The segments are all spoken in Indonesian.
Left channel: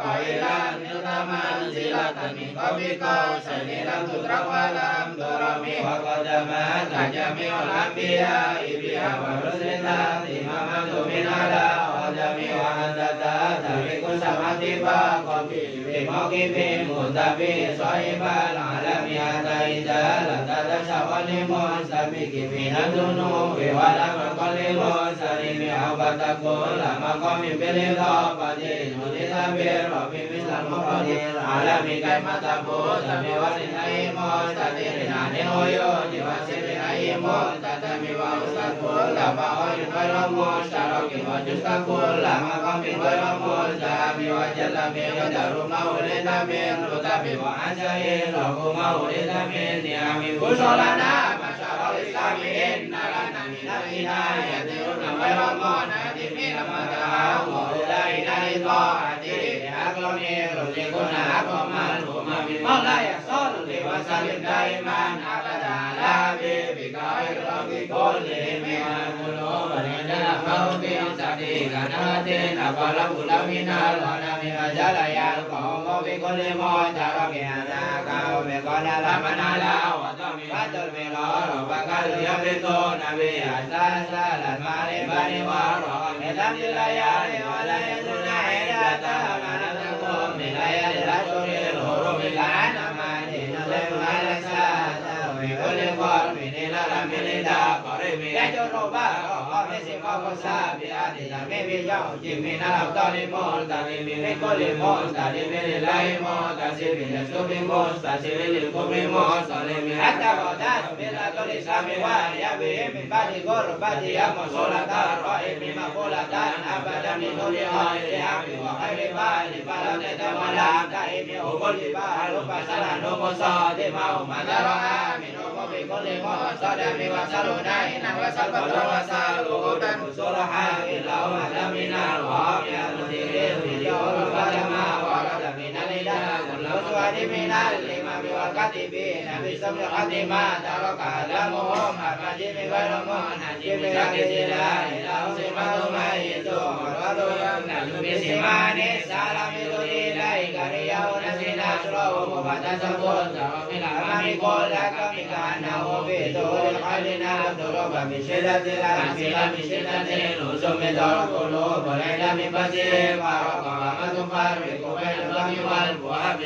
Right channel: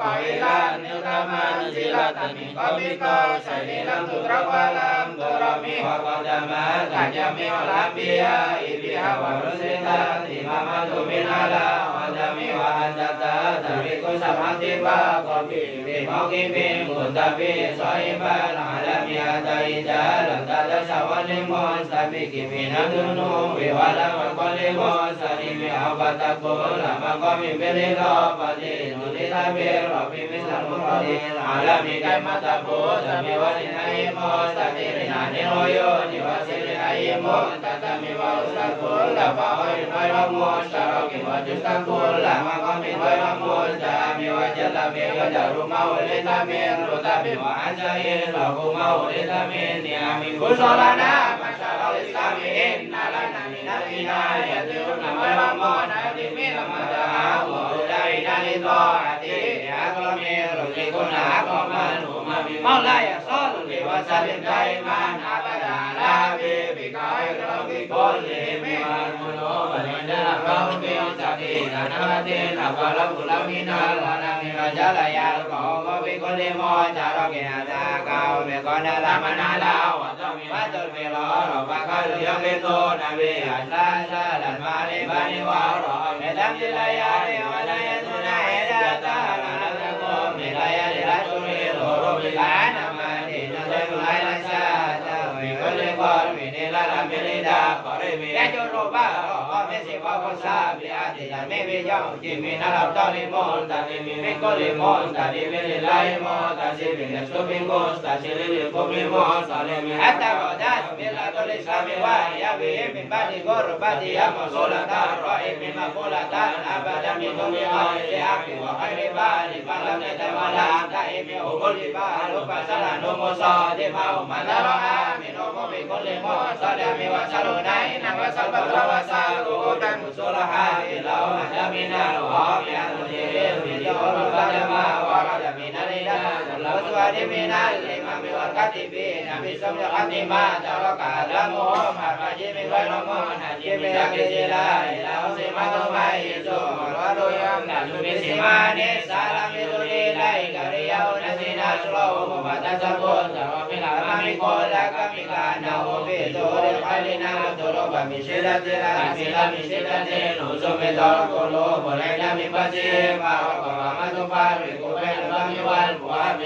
có ý là như ta ma chỉ là tận mình có biết cô sẽ đi làm tu ra qua làm tu ra mi hoặc có ta ma ta cha mi hoặc làm bia ý bia hoặc rất dễ ta thì ma tu mi na la hoặc ta mi hoặc an ta ta vi cô sa ma ti ba có kỳ vi mau kỳ vi một ta vi soi ba la la mi ta i ta la ta sa wa li mon sa mi kỳ vi na tu nu vi wa la ma con li mon sa ni mi học ba ta cô la ma có mi vi li lo ba li nu li la vi ro vi mi la mo ro li la la mi kai ma ta cô sa mi wa ni na i mo sa ti ni na ni no yo ni wa si ni na i mo ta mi wa sa cô la ba oi moi la mo sa ro ki mo ju sa cô la ma có mi moi la mo ta mi wa ja la mi ga da ru ma wa le ta mi ru ta mi wa an sa ye ro ko ma wa le ta mi ni a mi ko so la na ma sa ro le ta mi en na la na mi na mi na ya ti u na moi la mo na ti mi na ma ta mo le dai na le to a ti ya ko mi ro je ko na ko ma ru ma mi ma la ya so lu le wa sa le dai ma na ba da la be bi ka ro ki ko le mi ma mo lo ba ni na ko mi sa ti la na te na ba la bu la mi na la na mi ma ja la ya ko mo bi ko le mo ta ro ki na da ka o me ko na la ma na la wa to mi wa to mi lo ro ba ka lu yo le to na be a sa sa la ma le ba ni wa ro me lam ti la ya ni wa la ya su na e da ta la na ko mi la ya le la to le ro ro mi la na ma ni na le la la sa ta we ko le ko mi ni la la mi le da ba re mi ya jo ro ba ro ko me se ba ko sa be a ti la me be yo ti mi na la to le mo ta le mi re ko le mo ta le me le la mo ta se be le so bin ko ta se le ko mi mo ta le mi ata ko da me la to le sa me wa ya be mi ba ti ko ro ba ti ya mo so la ta ro e mi ma ko la ta a ba da mi to le ha le a ki wa ai le ba la ne ta ma la ta e mi o ko le ba ro ba sa la no mo sa de ma o ma da ro a mi no mo be ko le mo sa da mi wa sa lo dai na wa sa ba la wa sa lo da mu so la ha e la o ma da mi na lo ha mi a lo le le mi lo ro ba da ma wa ra da mi na le da lo so a de mi na le ma mi wa ka ti be na mi so mi a ti ma da wa ka la mo ma ba je mi wa lo mo na je me la ke je la la o se ma lo ma ye so ma wa lo ya na lu mi se ma ne sa la mi lo ye la i ka ri ya o na se na so lo mo ba ta sa ko sa wa mi la ma mi ko la ka mi ka na o be to re ka le na to ro ba mi se la de la se la mi se la de lo so me to ko lo bo la ya mi ba se ba ko ma to pa re ko be lo mi wa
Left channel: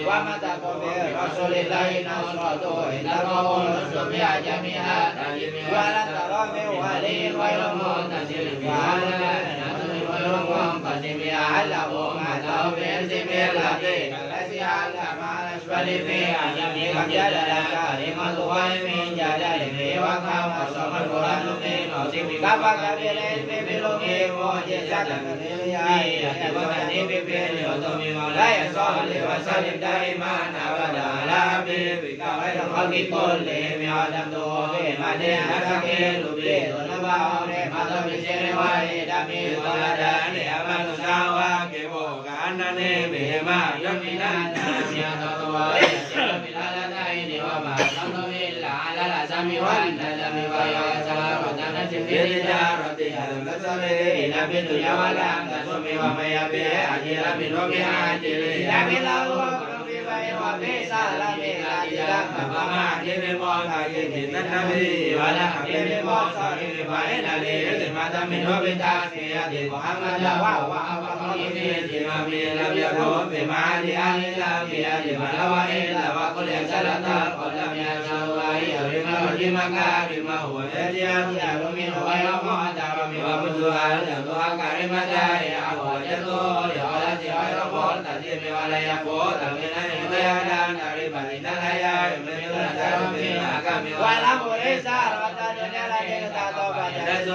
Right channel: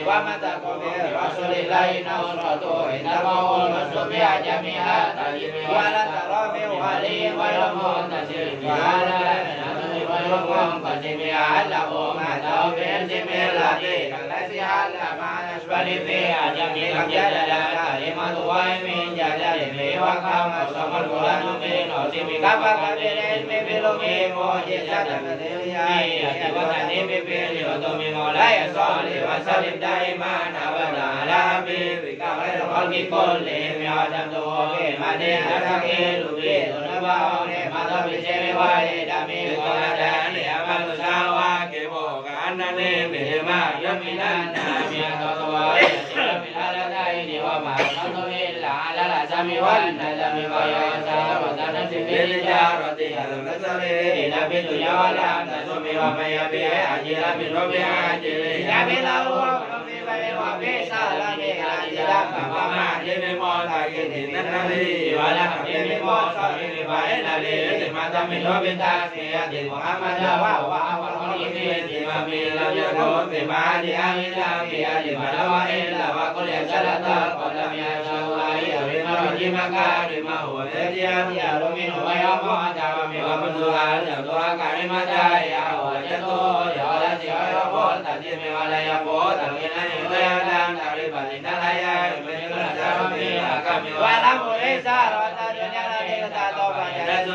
wa ma ta ko be ra so le la i na so to e na ma o lo so me a ja mi a ta ji me wa la ta ro me wa le wa lo mo ta se wa la la na na wa lo mo ta se me a la o ma ta o be se me la de la si a la ma swa le me a ja mi ka ja la ka e ma to wa me ja ja le wa ka ma so ma lo la no me no se mi ka pa ka le me be lo me mo je sa ta na de ya ya wa ka ne be be yo to me mo la ya so le wa so le dai ma na ba da la be be ka la ro ka ki ko le me a da to be ma de na ka ke lu be to na ba re ma to mi se le wa le da me ko la da ne a ma lo sa wa ke bo ka na ne me ma ya mi na na mi to to wa ya so mi la la dai ni wa ma no to me la la la sa mi wa na da mi wa ya sa ro da na se me le ja ro te ha lo na sa le na be tu ya wa la da so me wa ma ya be a je la mi ro be a je le ya be la wa ro be ba wa be sa la me la ji la ma ma le me mo ta ye ni na na le wa la ka be me mo sa le ba e la le le ma ta me ro be ta se ya de wa ma la wa wa wa ye me je ma me la le ro be ma le a le la me a le ma la wa e la wa ko le sa la ta ko la me a sa wa ya be ma ro ji ma ka be ma ho e ya ya ro me no wa ya mo da ro me wa bu du a da to a ka re ma da ya ho ya to ya la ji wa ro bo ta ji me wa la ya bo ta me na ne wa ya da na re ba ni na la ya me ni la da ro me a ka me wa la mo e sa ro ta do ya la de ta to ba ya da so